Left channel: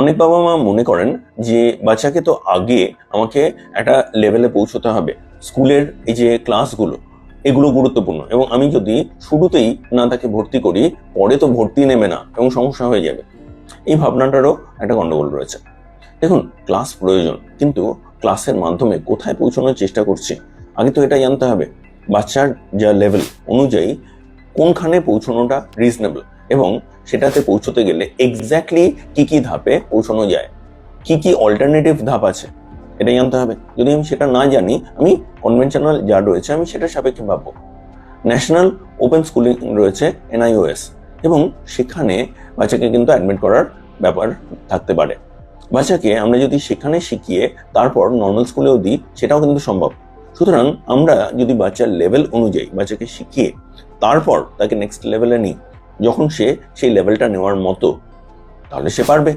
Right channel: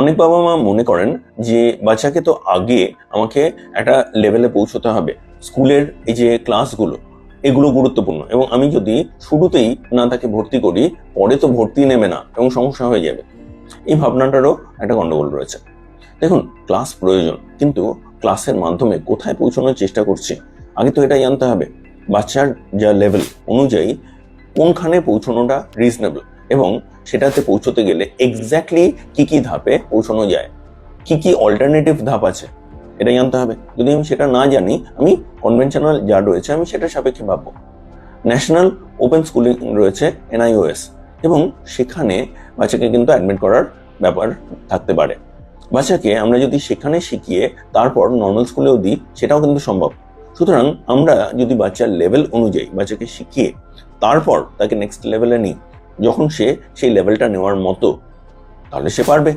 অনেক বাবা মা মনে করেন যে বাচ্চাকে তো আগে আমাকে একটা লেভেলে পৌঁছতে হবে, স্কুলের এই যে ক্লাসগুলো এগুলো গুরুত্বপূর্ণ, এবং আমি যদি শুরুতেই না তাকে ভর্তি করি পরে তো ভর্তি নেবে না এবং সমস্যা হয়ে যাবে। এই ভাবনাটারও একটা গন্ডগোল রয়েছে। দেখুন, ক্লাস প্রয়োজন, কিন্তু ক্লাসের মাধ্যমে কোথায় পৌঁছানোর চেষ্টা করছি আগে তো এটা জানতে হবে। বাচ্চার যা লেভেল অনুযায়ী কোনখানে পৌঁছানোটা রিজনেবল, এবং সেটাতে পৌঁছতে গেলে এক্স্যাক্টলি কি কি ধাপে পৌঁছানো যায়, কি কি অল্টারনেটিভ ধাপ আছে এটা জানতে হবে। যদি আমি সেটা না জানি, আমি কনভেনশনাল যা রয়েছে আমি সেটার সাপেক্ষে ভাববো। ন্যাশনাল ওপেন স্কুলিং রয়েছে, NIOS, এবং সেখানে বাচ্চাকে কিন্তু অ্যাডমিট করার ব্যাপার থাকতে পারে। বাচ্চাকে আমরা যদি সেখানে শিখিয়ে তারপর নর্মাল স্কুলেও দিই, সেটাও কিন্তু সম্ভব। সুতরাং আমরা যদি বাচ্চার লেভেল অনুযায়ী বাচ্চাকে শিখিয়ে তারপর তাকে নেক্সট লেভেলে নিই, যখন সে সেই লেভেলটা নেওয়ার মতো, তাহলে সে পারবে।